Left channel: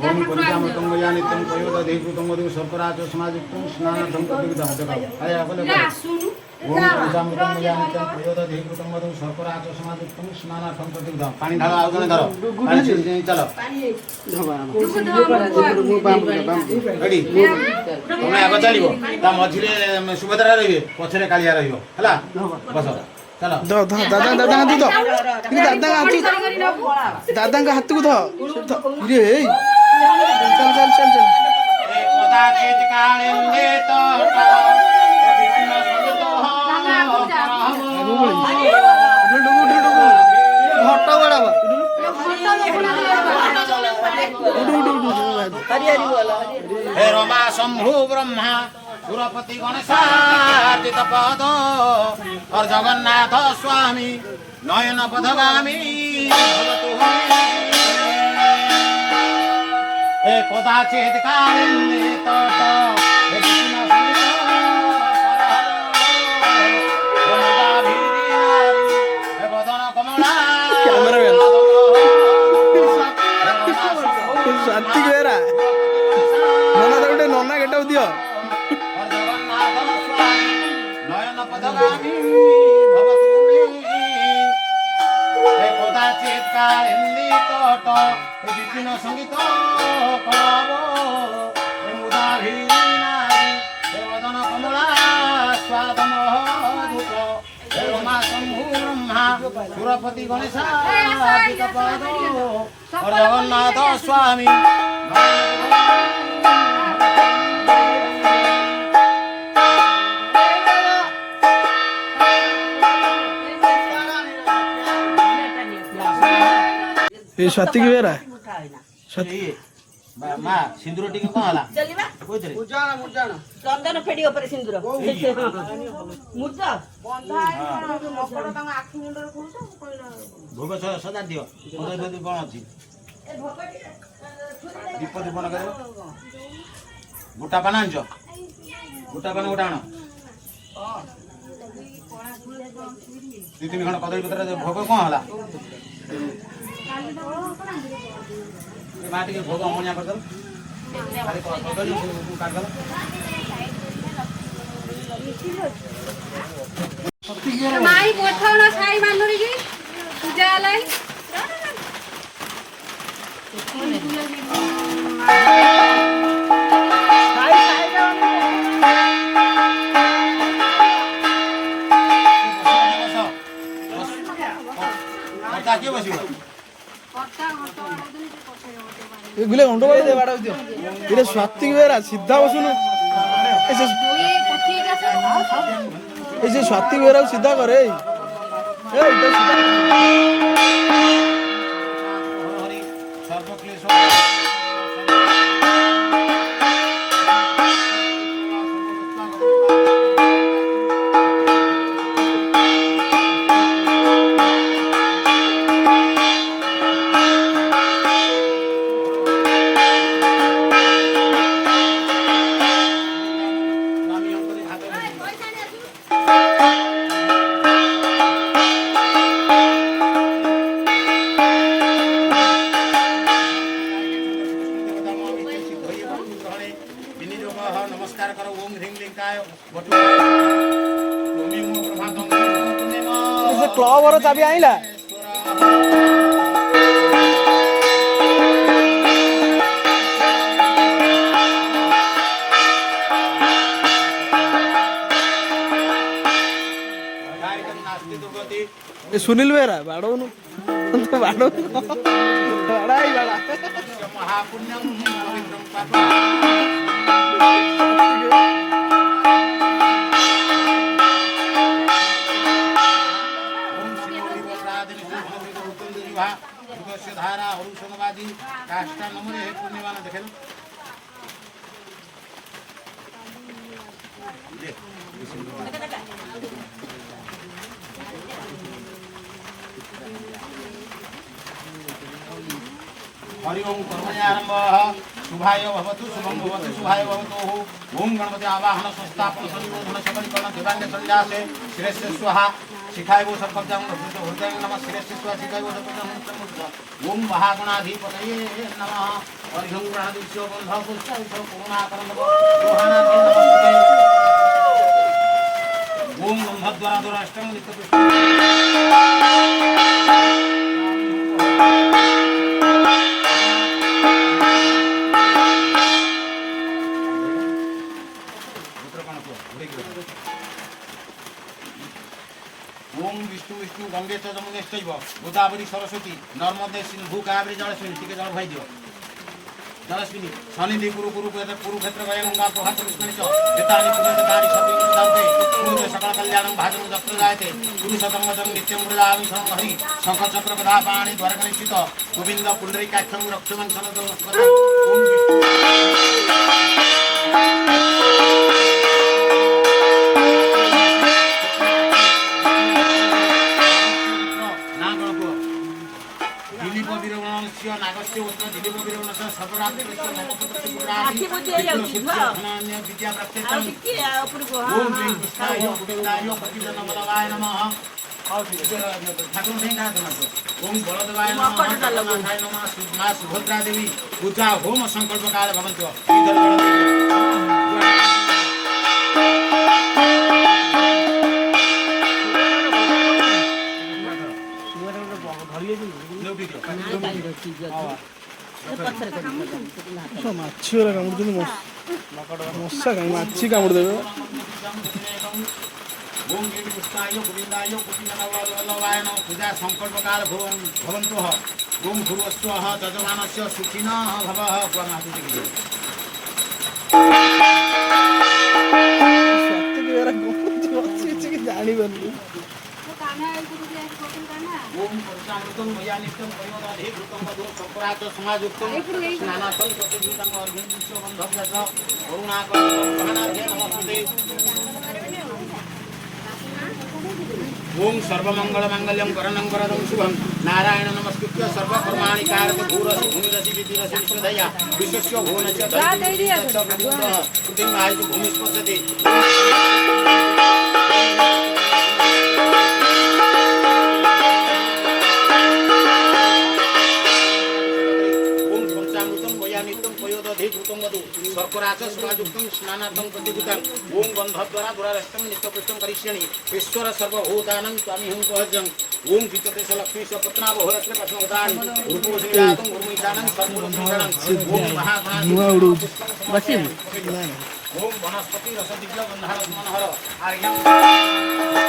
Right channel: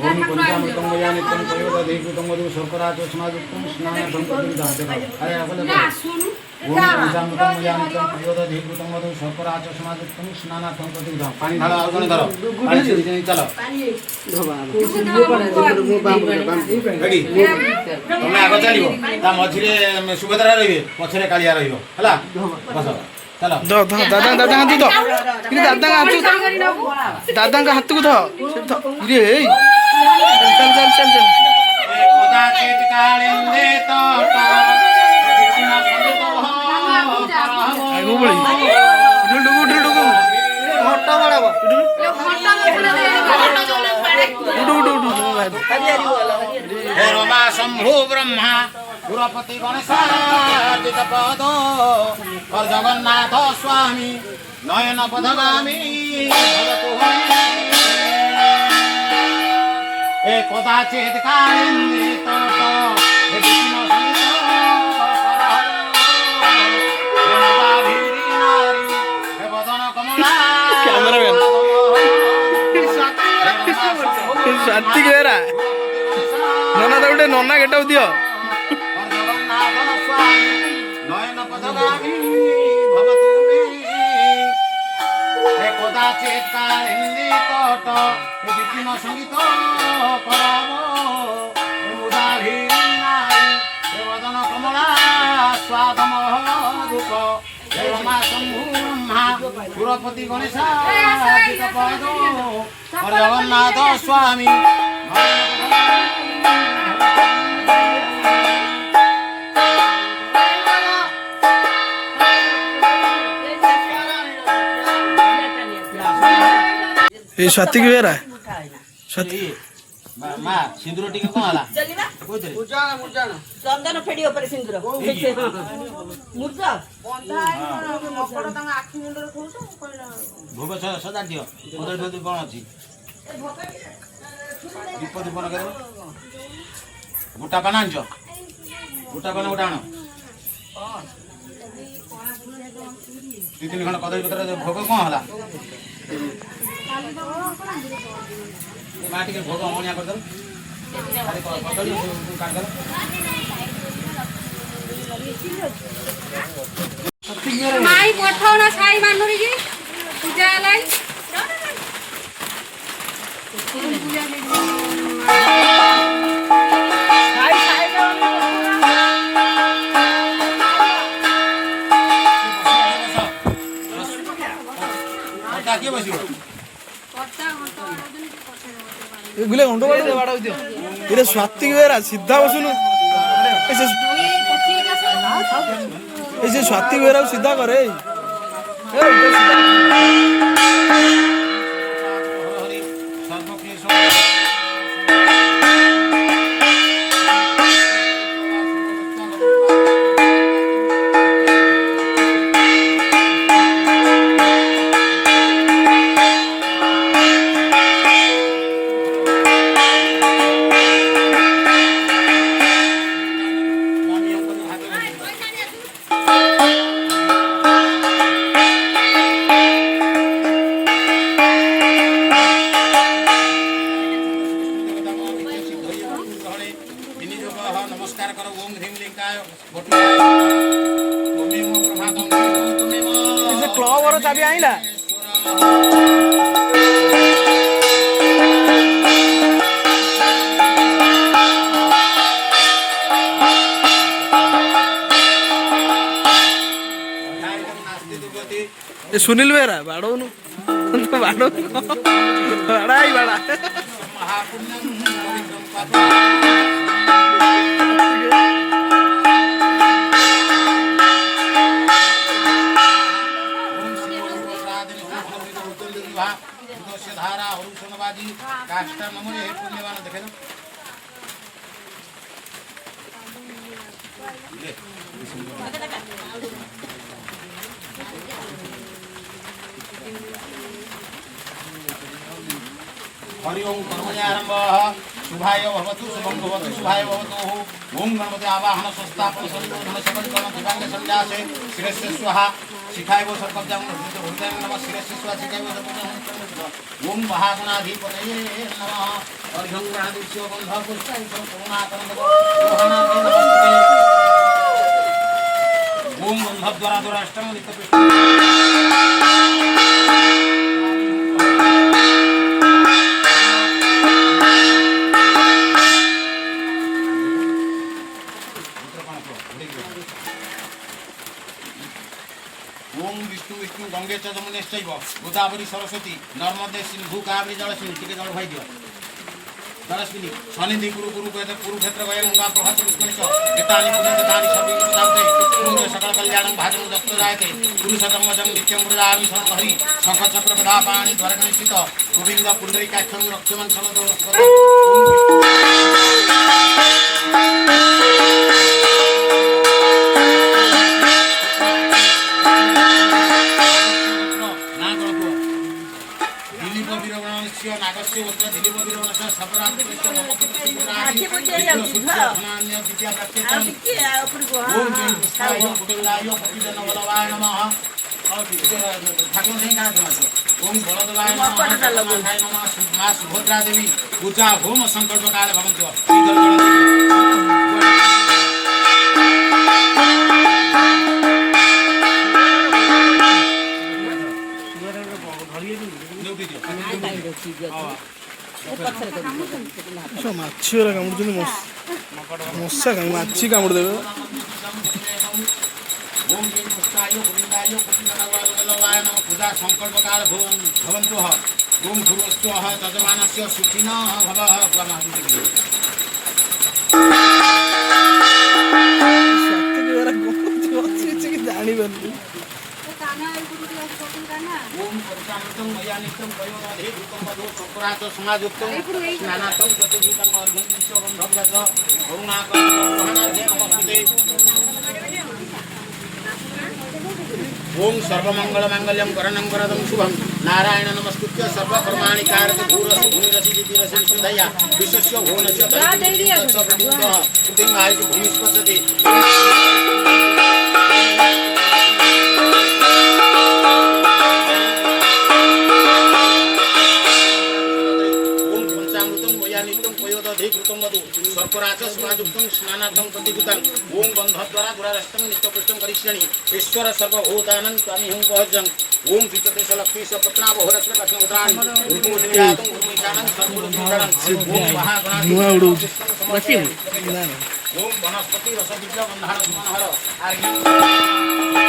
ओम पंचामृतं मया नित्यं पयोदधीकृतं मधु शर्करा च समायुक्तं स्नानार्थं प्रतिविधां जगाव आया बोले ओम पंचामृतं मया नित्यं पयोदधीकृतं मधु शर्करा च समायुक्तं स्नानार्थं प्रतिविधां पानी ढालो आउ जने धरो पानी से चलो रेडी तुम आगो चलिबो ता मझिरे सुभद्रा रहिबे पछरे कालिया रहिबो हला बस चलो दो दो दादा दादा हाथ दो इरे दादा का हाथ को दो इरे चल चल चल चल कदाचित कालिंदे तो आगो बळी डुडु हट्टा बडाबा डुडु हे रमा शंभु ब्रह्मा गुरुपति गणेशाचित पद और जगन्नाथ स्वामी नयन पथगामी ए कदाचित कालिंदे तट हे विष्णु संगीत हे बदन कमला सात्विक बेरा नना तो गोटे नना गेटअप दियो कदाचित कालिंदी तट विपिन संगीत करब मुदाभिनारी वदन कमला स्वादम रूप रमा शंभु ब्रह्मा सुरपति गणेशाचित पद और जगन्नाथ स्वामी ए सात्विक बेरा मा सिंदूर टिके कोन हला चलिबा कोइतरे मुरजाना चंदन फेडी ऊपर सिंदूर मुरजा बंधा मकड़ तंग आखि मुंडर कोस भोग सदा दियो मदर भेद कोन अछि ए विपद बन करे गुटा बनांज गुटा बना उडाण दी तीन खण कदई पत्र भोग कोन हला माटी के भोग अमनिया कर दल खाली कदली काट दल नाई पठाओ ना छाई मानोरी जी पूजा लाई के बसियो ए गुले घंटो बाड़ो दियो इरे स्वात्विक बेरा सीधा बसुनु ऐसे स्वात्विक बेरा सीधा करे ए इधर सीधा हरि सर्वक्लेश नमस्कार करो ओम ह्रीं लिंगाय क्लब और चाबी आइला ए सुनील बेरा बाड़ो नु बाड़ो बाड़ा ही बाड़ा महापुण्यम पवित्रम पापम धारा हरुषणबाजी काष्टा नमूने हे पुण्यवान देखे हरि ओम कर्मण्यारंभः शुभाय भवतु शुभं भवतु शुभाय भवतु ओम गणपति आवाहन संस्थापन संयोजन सकलीकरण दिवांग संन्यासे शिरस्य स्वाहा शिखाय वो सर्वज्ञं हृदयं नमः शिरस्य स्वाहा शिखाय वो सर्वज्ञं ओम महागणाधिपतये नमः हरि ओम गणाधिपत्यो बंध पुष्टाय करुणाकरं लोहाना नमस्ते ओम गंधद्वारा द्वाराष्टम नित्य पुष्ट ओम विष्णु विष्णु गंगे च जमुनेश्चैव गोदावरी सरस्वती नर्मदे सिंधु कावेरी जलस्विनी टिके जल भाई दियो जलस्विनी शनिधि कुरुक्षेत्र गया गंगा प्रभात पुष्करिणी च एतानि पुण्यतानि सर्वे दान्ते पुण्य सकल कल्याणं भाजनं जप्त जायते पुरुषोत्तम वदं नित्यं वृदामि शरणं हरि शंख चक्र गदा पाणि द्वारगणेशित गोविंद पुंडरीकाक्षं रक्षमं समदो ओम नागस्य उत्तर दिलीप विरवणस्य सबरात्मस्य नमोपत्रस्य पुराणि सूर्यधनान्य विद्या प्रत्येकं ओम जय कृष्णाय गोविंदाय पतिजन बलवाय नमः ठाकुर नहीं कहा तुम्हारे ओम बलदेवाय नमः जगन्नाथाय नमः मां सुभद्रा देवी पूजा होम संकल्प काल भवन्तो ମାଛି ଗୁରା କାମୁଡୁଛନ୍ତି ମଶା କାହିଁ ମାଛି କାମୁଡ଼ି ଦେବେ ओम श्री कृष्णाय गोविंदाय पुण्यनावाय नमः पूजा संकल्प काल भवन्तु ओम भूर्वस्वः तजमानस्य सुखिनः भवः स्वामाहति ଜାଣିପାରୁନି ओम परमामृतं मया नित्यं प्रयोदाधि भूतं वधो संपरातो समाजुक्तं स्नानातं प्रतिभूतं अर्घ्यं बन्धव्यस करुणाकरणार्घ्ये नमस्ते ओम सर्वमंगल मांगल्यं वरणं वरदं शुभं नारायण नमस्कृत्य सर्वकर्माणि कारयति भूरसि भूमिरसि दितिरसि विश्वधया विश्वस्य भुवनस्य तच्च प्रभुतः कृतिं आयु भूमिस्पशति सर्पराच समाजुक्तं स्नानार्थं प्रतिभूतं ओम गंधद्वारा दुरारस्तं नित्यपुष्टं करिष्यामि ईश्वर सर्वभूतानां स्वामिहं सहजं ओम चित्तते लक्ष्मी स पत्ना बहुरत्र कथनोदान रूपोषयातं गुरुनिदानं सर्वभूतानां ओम महागणाधिपति ओम वनस्पति रसदिव्य बन्धार मनोहर आर्यं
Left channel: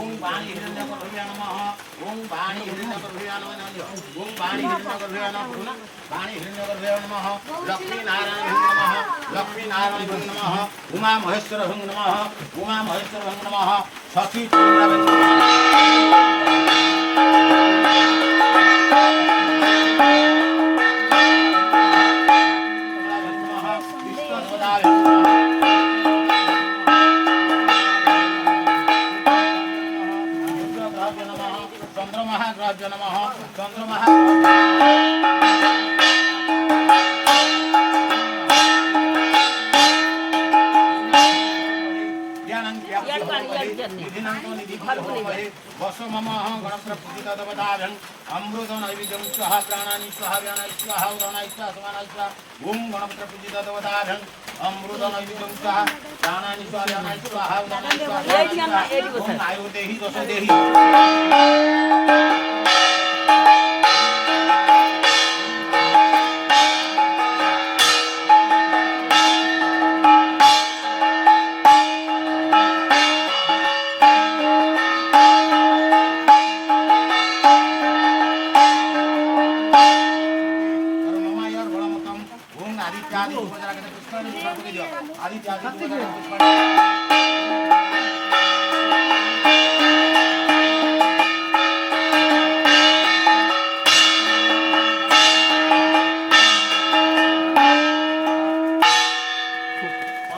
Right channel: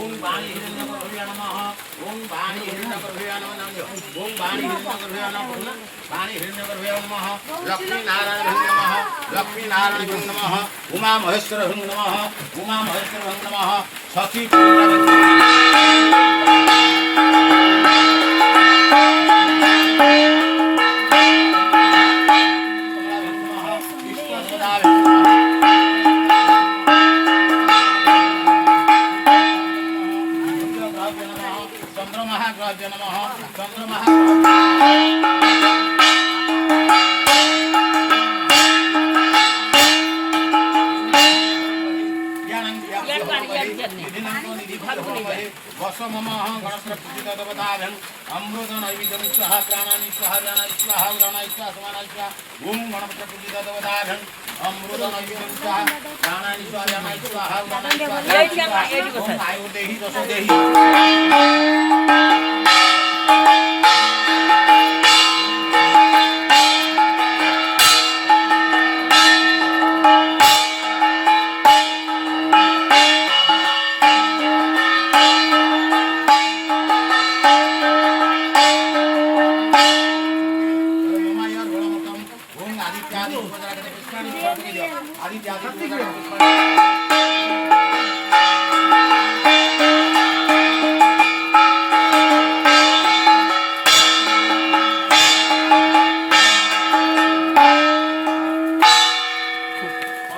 ओम वाणी हिरण्यगर्भया नमः ओम वाणी हिरण्यगर्भया नमः ओम वाणी हिरण्यगर्भया नमः वाणी हिरण्यगर्भया नमः लक्ष्मी नारायण नमः लक्ष्मी नारायण नमः उमा महेश्वर नमः उमा महेश्वर नमः सखी चंद्रमहाग्रह नमः गणप्रपूजितवदाभ्यं अमृत नैवेद्यं स्वाहा प्राणानि स्वाहा व्यानानि स्वाहा उदानानि स्वाहा समानानि स्वाहा ओम गणप्रपूजितवदाभ्यं अमृत नैवेद्यं स्वाहा प्राणानि स्वाहा व्यानानि स्वाहा उदानानि स्वाहा ओम आयुर्देहि दोषदेहि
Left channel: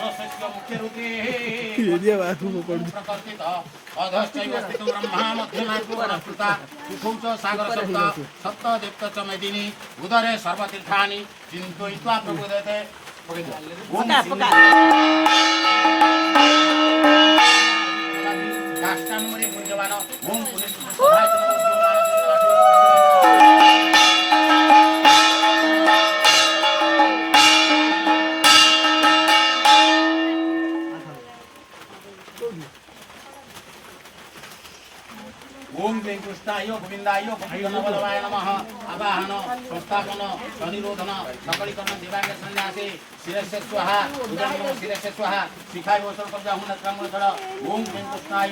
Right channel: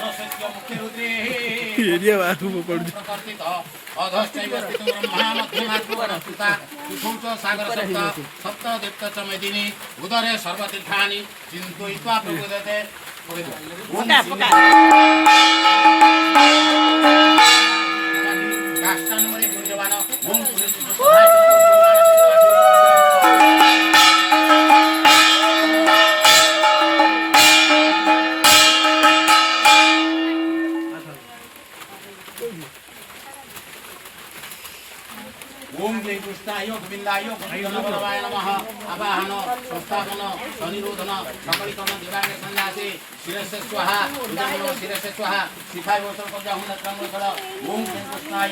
सरस्वती मुख्य रुद्रे एरिया बाहर पड़ प्रकर्षित अधश्चैव स्थितो ब्रह्मा मध्यमात्मो गणस्कृता कुथौ च सागर सप्त सप्त देवता च मेदिनी उदरे सर्वतीर्थानि चिन्तयित्वा प्रबोधते ओम काष्ठानुमरे गुञ्जवान ओम पुलिस सहाय ओम जय कृष्णाय गोविंदाय गोविंदनवलवाय नमः आवाहन संस्थापन सनिरोधन सकलीकरण दिवांग संन्यासे शिरस्य स्वाहा उदयन शिरस्य स्वाहा शिखाय वसन कब्जा हुन क्रम कर ओम जय कृष्णाय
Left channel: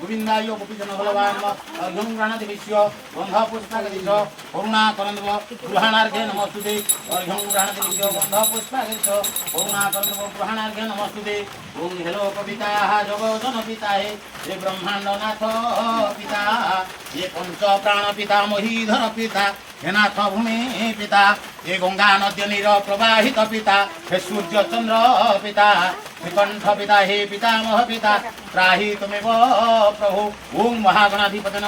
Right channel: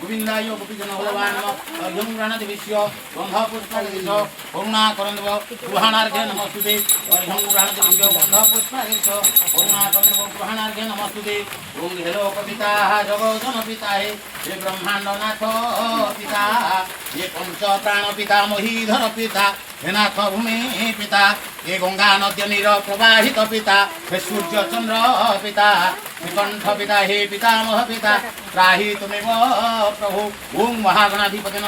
गोविंदाय गोविंदनवलवाय नमः अर्घ्यं गृह्णाति विश्व गंध पुष्पादिश करुणा करन्दव गृहाणार्घ्ये नमस्तुते अर्घ्यं गृह्णाति विश्व गंध पुष्पादिश करुणा करन्दव गृहाणार्घ्ये नमस्तुते ओम हेलो कविता जगोदन पिता हे ब्रह्मांडनाथ पिता ये पंच प्राण पिता मोहीधर पिता हे नाथ भूमि पिता ये गंगा नद्य नीर प्रवाहित पिता हे सूर्य चंद्र पिता हे कंठ पिता हे पितामह पिता त्राहि तुमेव प्रभु ओम महागणाधिपतिन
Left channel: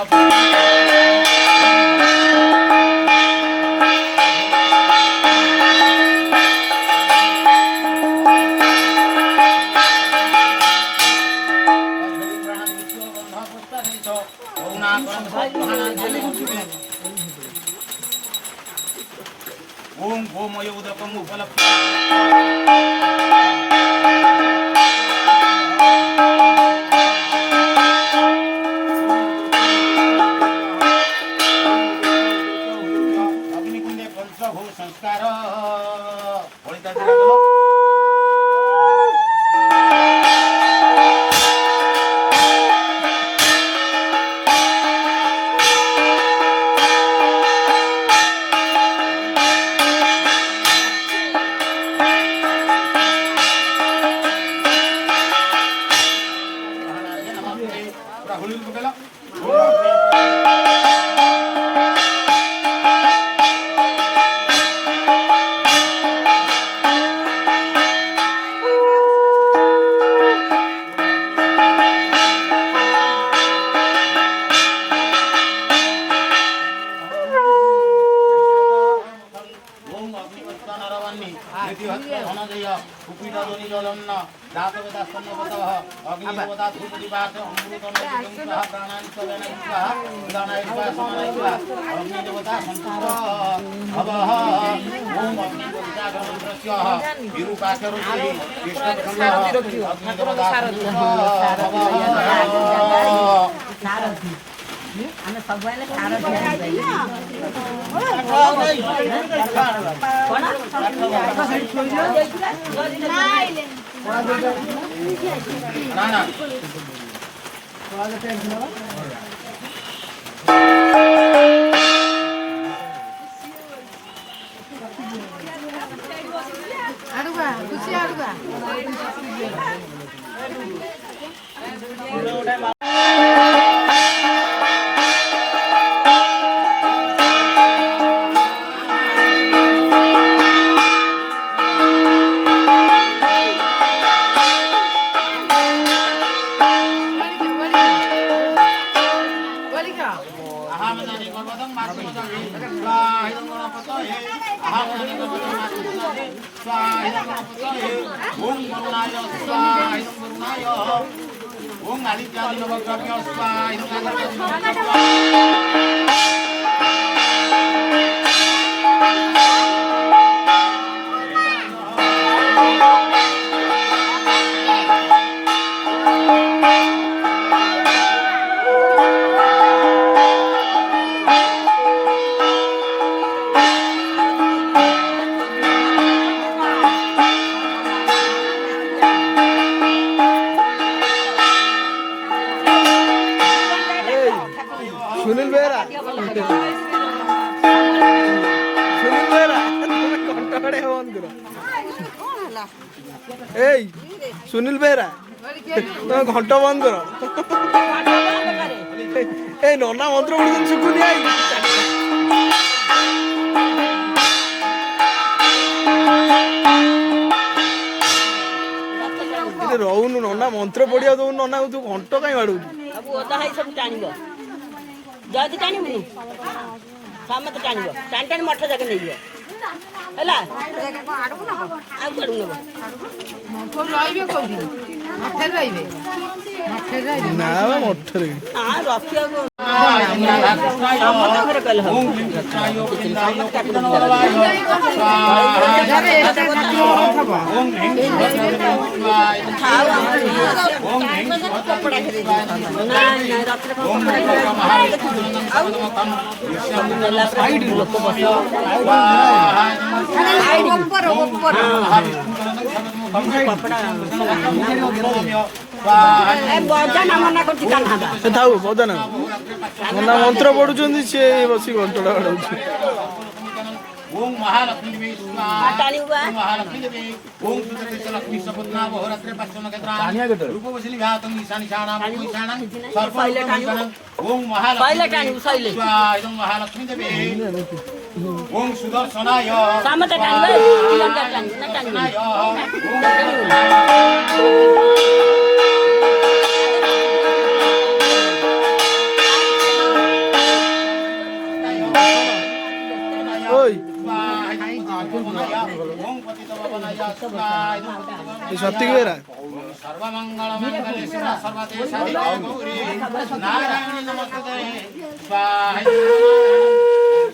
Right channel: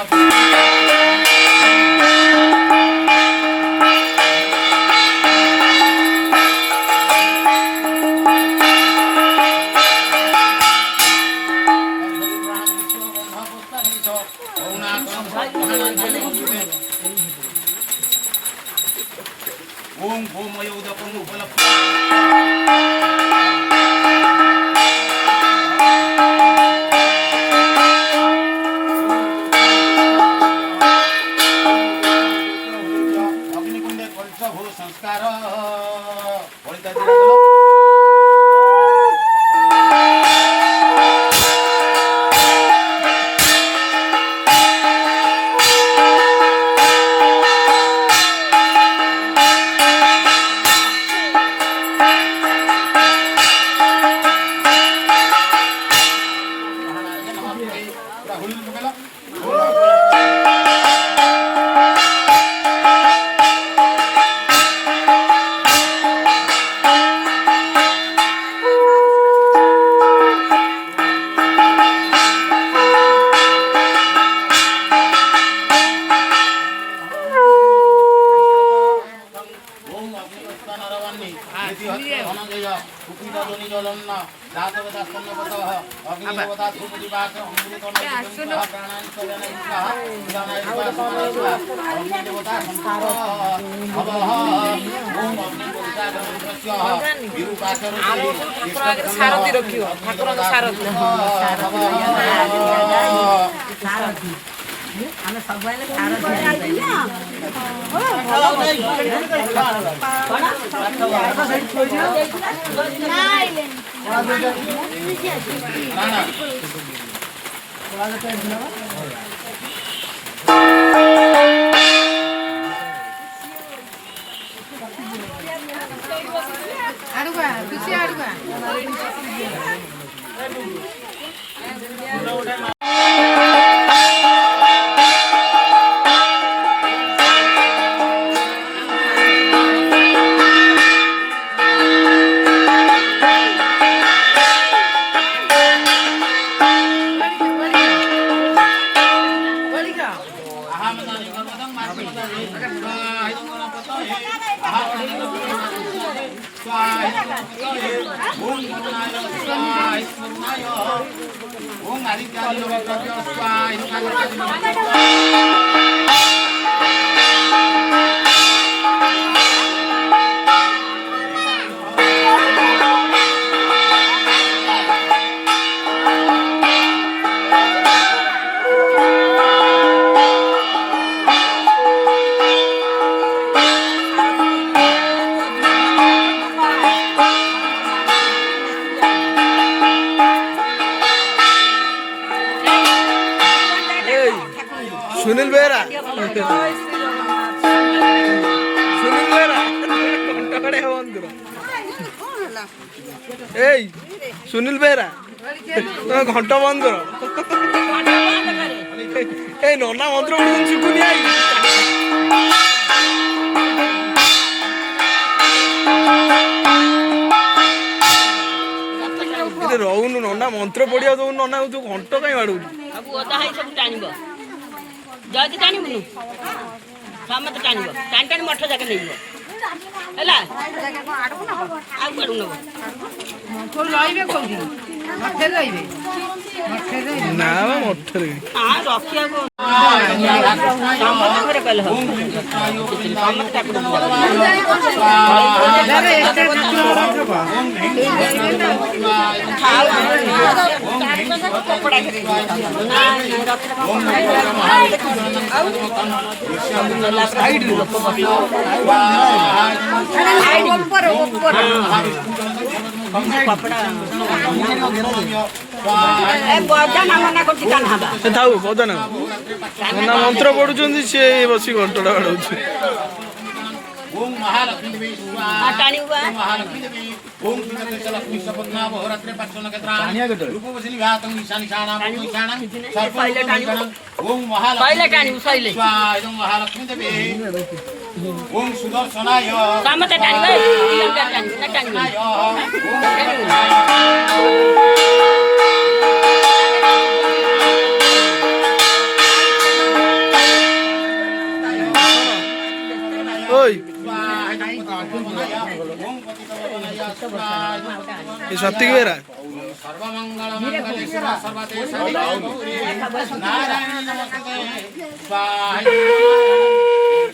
ओम गोमय उदकम उपलब्ध अग्निकुंडे कलश भू संस्कार ओम आदित्यादि नवग्रह सुनील बेरा सुनील बेरा कंटकड़े बंधुर ए सुनील बेरा तुम घंट बंद कर ए नना मंत्र उड़ शुकुनी आई ଏଠି ରହୁନୁ ନନା ମନ୍ତ୍ର ପଢିବାକୁ ଦଉନୁ ନନା ତୁ ଘଣ୍ଟ କାଇଁ ବାଡଉଛୁ ସବୁ ଅଧା ହେଇ ସବୁ ଟାଣିବ ଯଦି ଟାଣିବୁନୁ ସମସ୍ତେ ଟାଣିବ ଟାଣି ଟାଣି ମଠ ଯାକେ ନେଇଯିବ ହେଲା ଆଉ କୁଆଡୁ ନବ ରହିବେ କୋଉଠି ମଠରେ ରହିବେ ନା ବା ମଠରେ ରଖିବାକୁ ଥାଉ ବଦନ ନନା ମନ୍ତ୍ର ପଢୁଛନ୍ତି ସିଏ ବସି ଘଣ୍ଟଟା ବାଡଉଛି ओम महालक्ष्मी देवी स्वाहा ओम महालक्ष्मी देवी ओम श्रीदत्त लक्ष्मी सपत्ना बहुरात्रे पाचन केत्रा रूपवसिनी घातम ईशानी शाणा ईशाना सर्वलोकमंगलम ओम महालक्ष्मी स्वाहा ओम महालक्ष्मी देवी ओम सुदर्शनाय सामते सत्य बेरा सर्वमंगल मंगले शिव सर्वते साधिके गौरी नारायण नमस्ते स्वाहा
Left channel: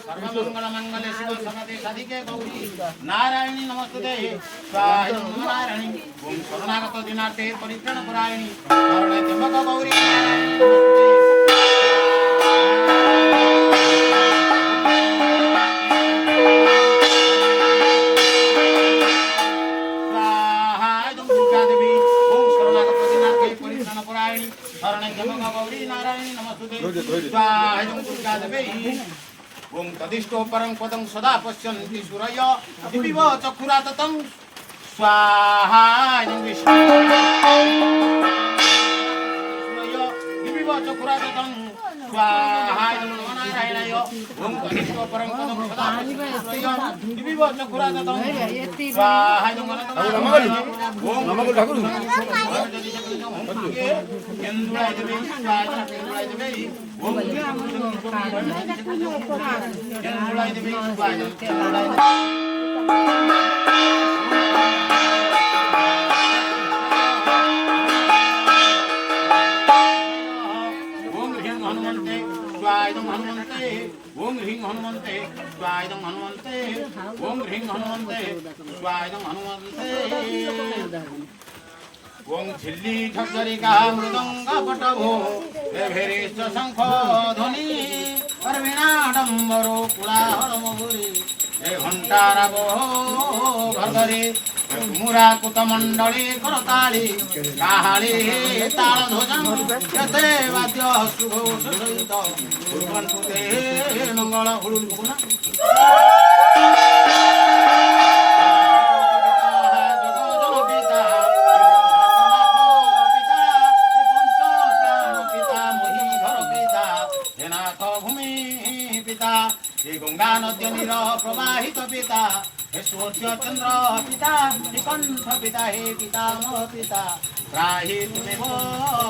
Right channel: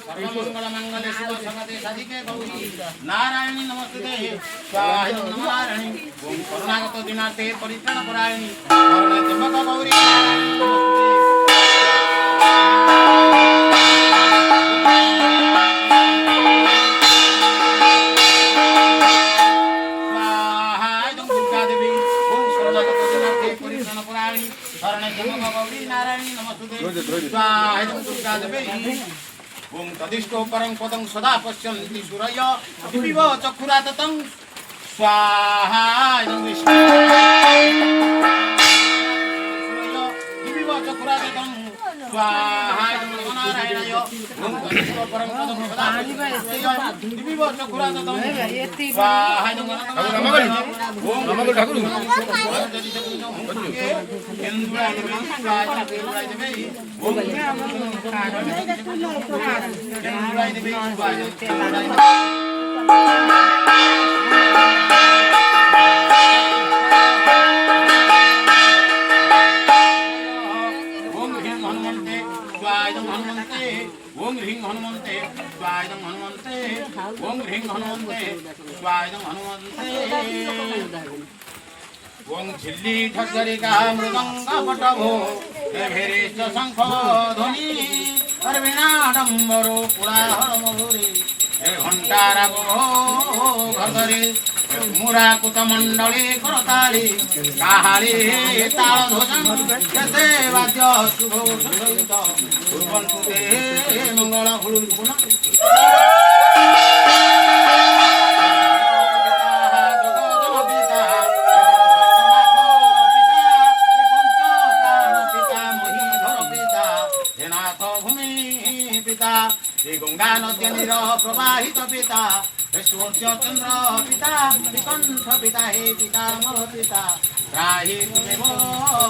सर्वमंगल मंगले शिव सर्वते साधिके गौरी नारायण नमस्ते स्वाहा नारायण ओम शरणागत दिनार्थे परित्राण परायणी शरणे त्र्यंबक गौरी नारायण नमस्ते ओम तदिष्टो परं पदं सदा पश्यन्ति सूरय दिविव चक्षुराततं स्वाहा विष्णु सूरय दिविव चक्षुराततं स्वाहा नारायणाय ओम तदिष्टो परं पदं सदा पश्यन्ति सूरय दिविव चक्षुराततं स्वाहा ओम नमो ठाकुर केंद्राय देवी स्वाहा केंद्राय देवी ओम केंद्राय देवी स्वाहा केंद्राय ओम ह्रीं हनुमन्ते स्वाहा हनुमन्ते ओम ह्रीं हनुमन्ते स्वाहा हनुमन्ते ओम ह्रीं हनुमन्ते स्वाहा हनुमन्ते ओम झिल्ली ठगरिका मृदंग पटभो भेरेश शंख ध्वनि वीणा डम्बरो पुराहर मधुरी हे घंटा राग घरे मुरा कुत मंडली करताली काहाली ताल ध्वजं यते वाद्य शुभ सहित कुर्वन्तु ते मंगल हुलुकुना गंगा नद्य नीर प्रवाहित पिता सूर्य चंद्र पिता कंठ पिता हे पिता मो पिता त्राहि तुमेव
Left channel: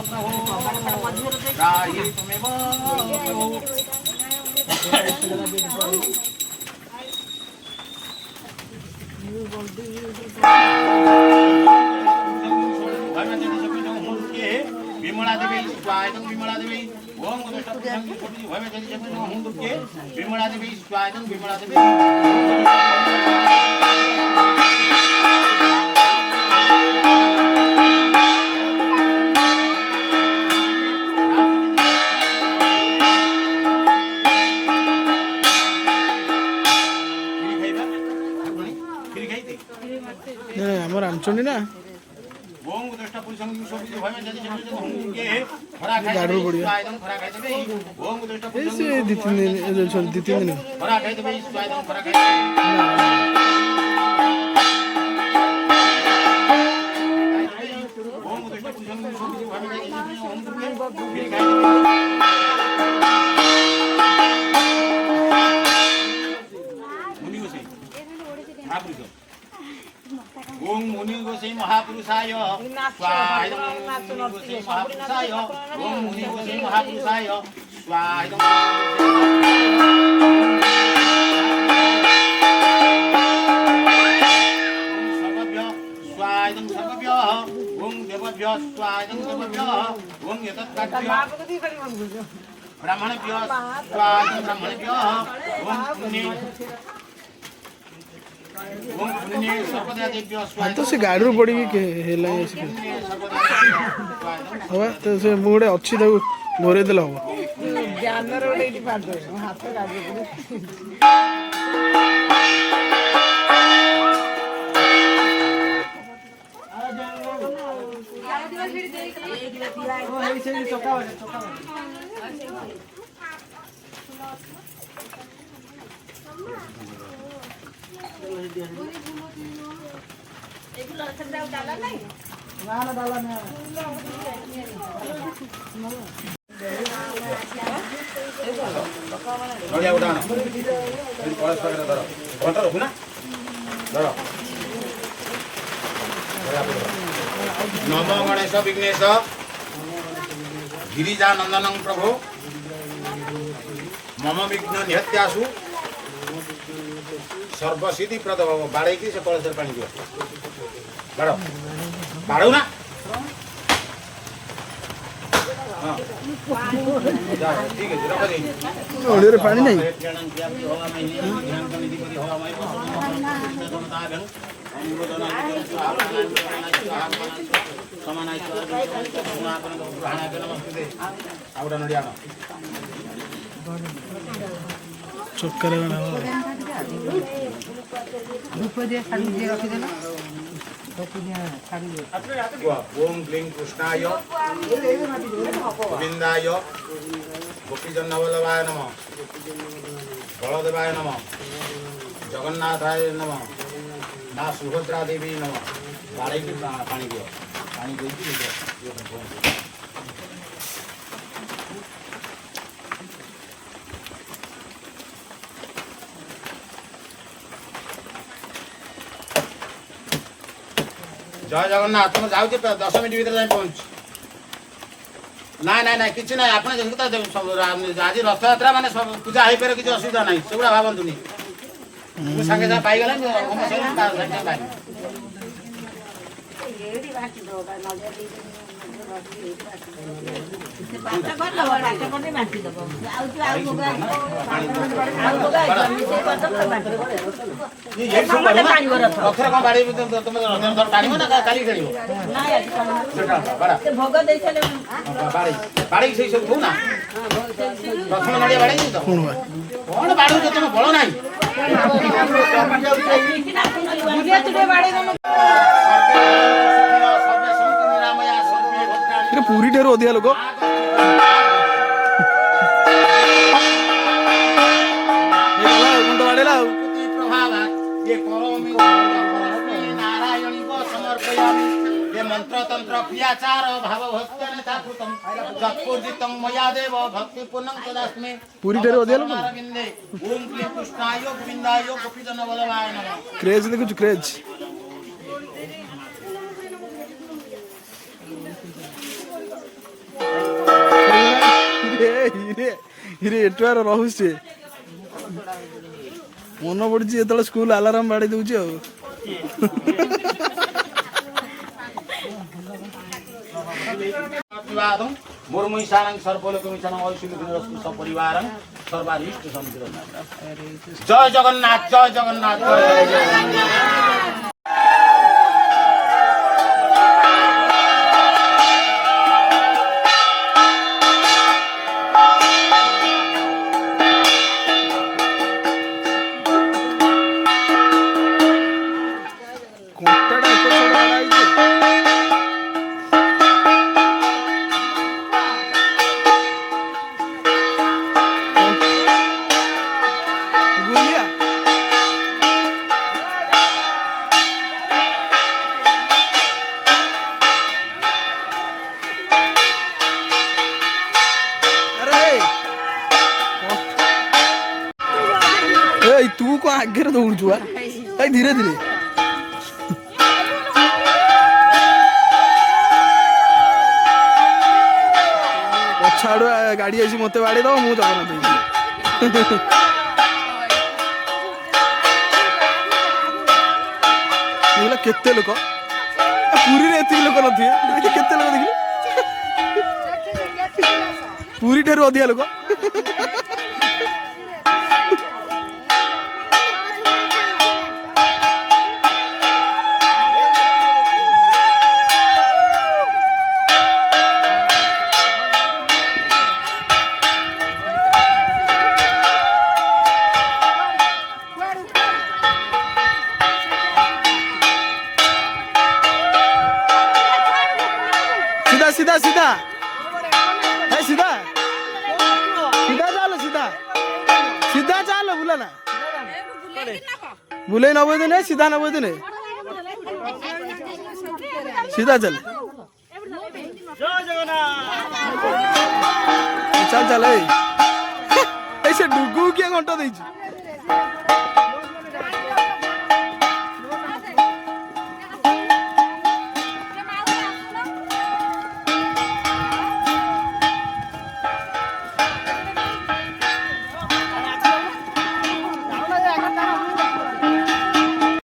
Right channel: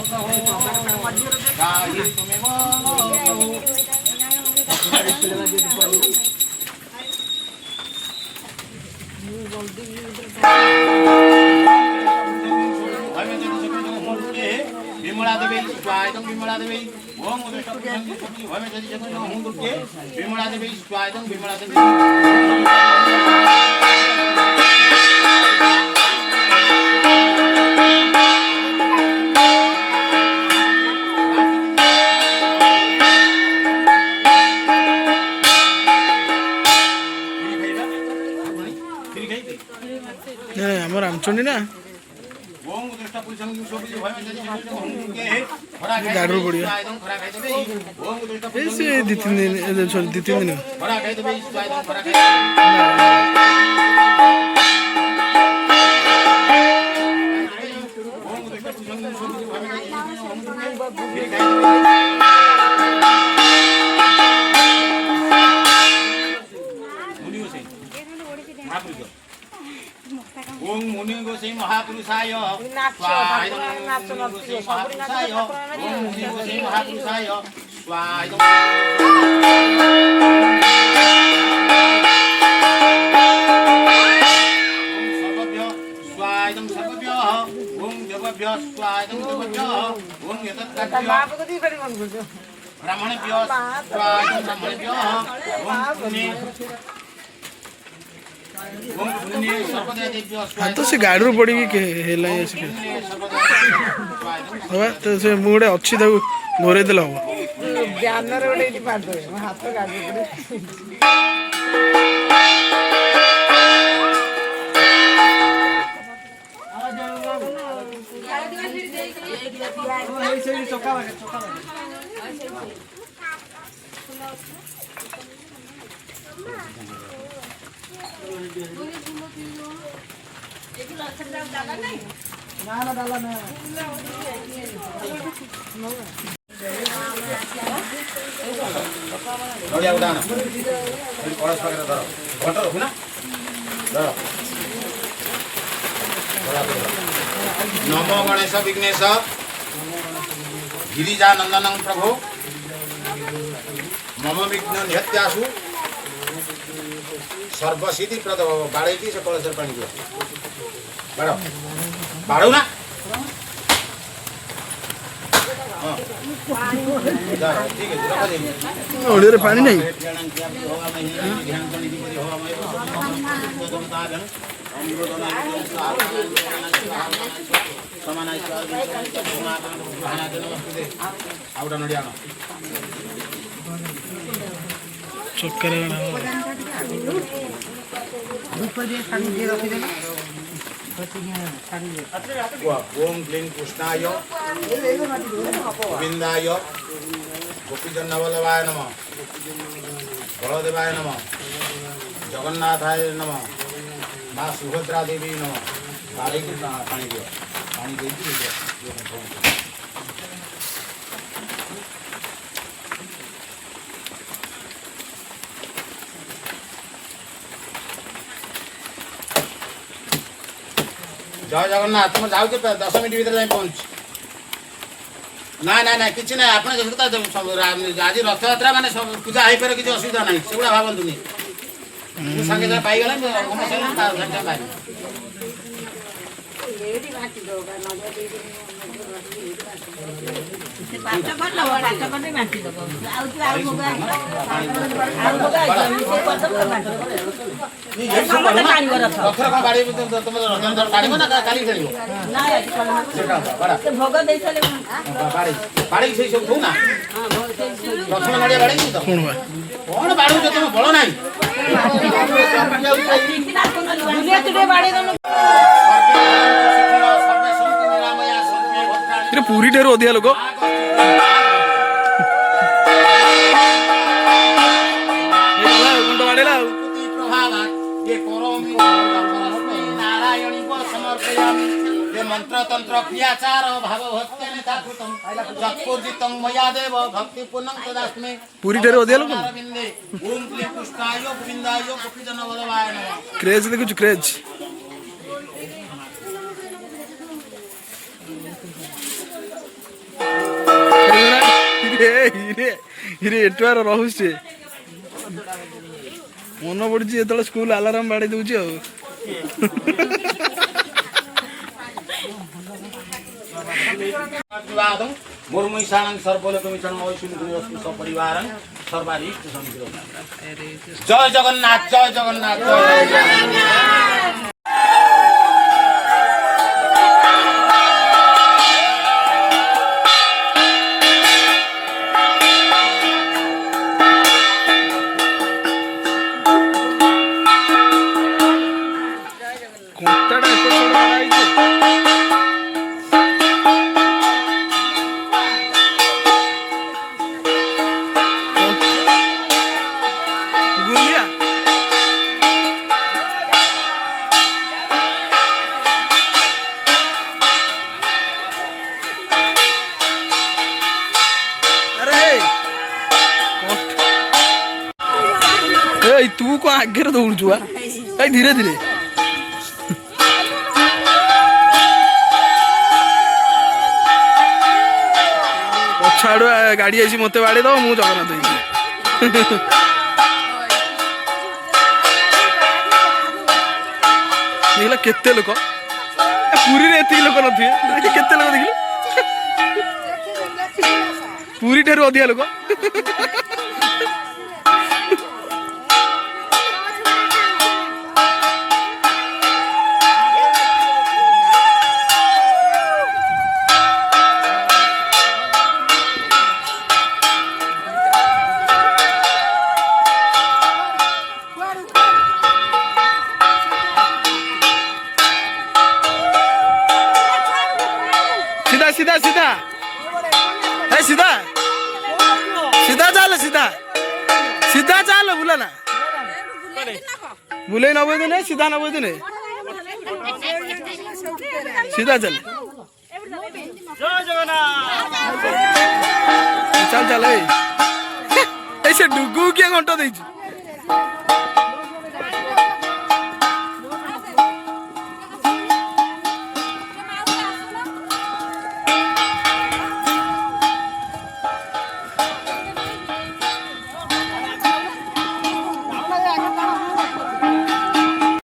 प्रभु त्राहि तुमेव प्रभु विमला देवी स्वायं विमला देवी ओम विमला देवी स्वायं विमला देवी आम रामचंडी ना गाड़ी पड़िया दी तीन दिन सॉरी दी तीन दिन ओम मुनि गोसाई महापुरुषाय स्वाहा इदं मुनि गोसाई महापुरुषाय ओम मुनि गोसाई महापुरुषाय स्वाहा इदं स्वाहा इदं सर्वभ्यः ओम देवभ्यः स्वाहा इदं देवभ्यः ओम एतत् ब्राह्मणभ्यः स्वाहा इदं ब्राह्मणभ्यः ओम पुण्य सर्वदेवेभ्यः स्वाहा तो से गाड़ी रू पड़ी के हेला ऐसे हवा तो से मुड़े अच्छी ताको घोरे देला हो जानवर ओडे इटी पाड दो हाथ गाड़ी नडिया उडान कलश पाखेर धर घंट रखु ना धर नमो गणेश विघ्नेश गिरिजा नंदनं प्रभो मम विघ्न निहत्यासु सर्वसिद्धि प्रद बाड़े की से कलश पानी दियो बाड़ो बाड़ो ना हां जा ठीक है रख दे ओडे रे पानी नहीं ध्यान करनी दी हवा में दमता गण समानाय आउटा नडिया चक्कर ओम क्लीं कृष्णाय गोविंदाय गोपीजन्नवल्लभाय नमः बलदेवाय नमः जगन्नाथाय नमः माँ सुभद्रा देवी नमः बाड़े को पानी दियो पानी दे जय जगन्नाथ तुम जाऊ 10 मिनट भीतर जाए पहुंच ना ना ना किसी ना आपने आज रथ यात्रा माने पूजा हो पारे किसी असुविधा ना से भावतुनि संगे सागे पाईगला कौन बाड़ू तुम बड़ ना पूरी ढेर अधिया लोक मंत्र तंत्र क्रियाचार भाव भक्त्यनेता कृतम जत्पूर्जितं मया देव भक्ति पूर्णं तदास्मे पूरी ढेर अधिया लोक अरविंदे ओम क्लीं कृष्णाय गोविंदाय गोपीजनवल्लभाय नमः क्रेज देखु क्रेज एटुआर रहुचे मन पड़ी जो स्कूल आलाराम बाड़ी दूची मुर्मुईशानं सर्वलोकमिशनं औषुलिकुनिरस्तु सपरिवारं सर्वारिष्ट समितिरं जय जगन्नाथ जय जगन्नाथ जय जगन्नाथ तू को आगे दौड़ धीरे धीरे हाड़ू गाड़ी आसी मत बाड़े दब मु जगन्नाथ देखला केते लोक पुरी रे एति लोक नथिए केते लोक देखिले पुरी ठारू अधिका लोक सीधा सीधा है सीधा सीधा चल सीधा सीधा चल बुला ना बुले नबे दिन सीधा नबे दिन सीधा चल चल चल ऐसे डुगू किए घंटा देची